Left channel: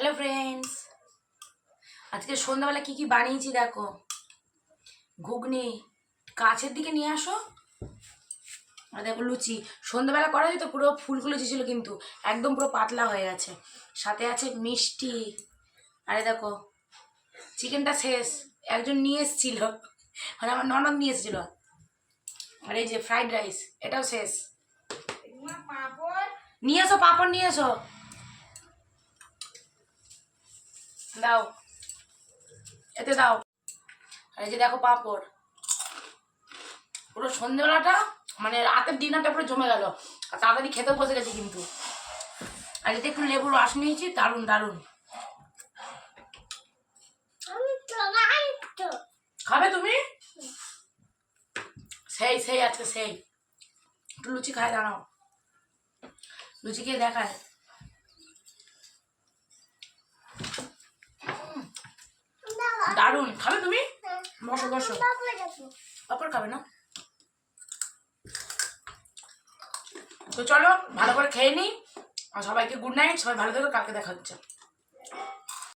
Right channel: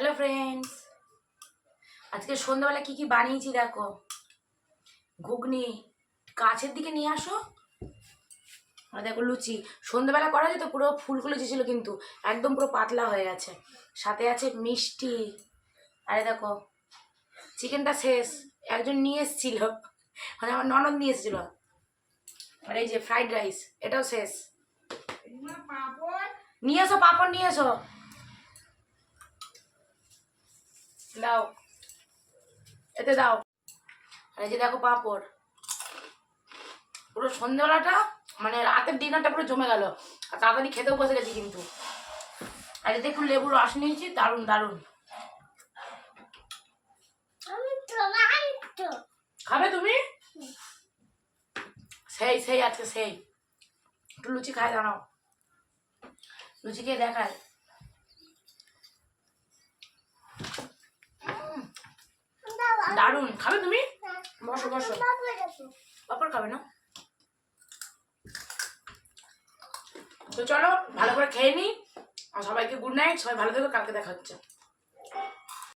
Hello friends, আজকে সন্ধ্যাবেলা কি কি বানিয়েছি দেখো। ঘুগনি, কাছের দিকে নিয়ে আসো। আর দেখো লুচি, সন্ধ্যাবেলা করা যেত, পুরো ফুলকো লুচি ছিল কিন্তু একদম পুরো পাতলা হয়ে গেছে। সাথে আছে মিষ্টি। আরে দেখো চিকেনটা শেষ, একজন নিয়ে এসেছিল, মানে আমার ননদ নিয়ে এসেছিল। আর এই যে ফ্রাইড রাইস, এটাও শেষ। নিয়ে এসো, পাঁপড় নিয়ে এসো, দাও, এতে দাও। আর এই যে দেখো পাঁপড়। পুরো সন্ধ্যেবেলাটা মানে রাতের ডিনারটা পুরো জমে গেল। আর তাড়াতাড়ি খেতেও বসে গেছি কিন্তু। আর এতে একটু লেবুর রস নিয়েছি, দারুণ দারুণ। খাবে তুমি? সেই সেই আজকে সেই। একটু লুচি খায়, দাঁড়াও, লুচি খেয়ে দেখায়। দারুণ। খাবে তুমি? বসো বসো। পাপড় খাবে না? তো চলো ভালো করে খেয়ে নিই। আর সবাইকে গুড নাইট। সবাই ভালো থেকো, কালকে দেখা হচ্ছে।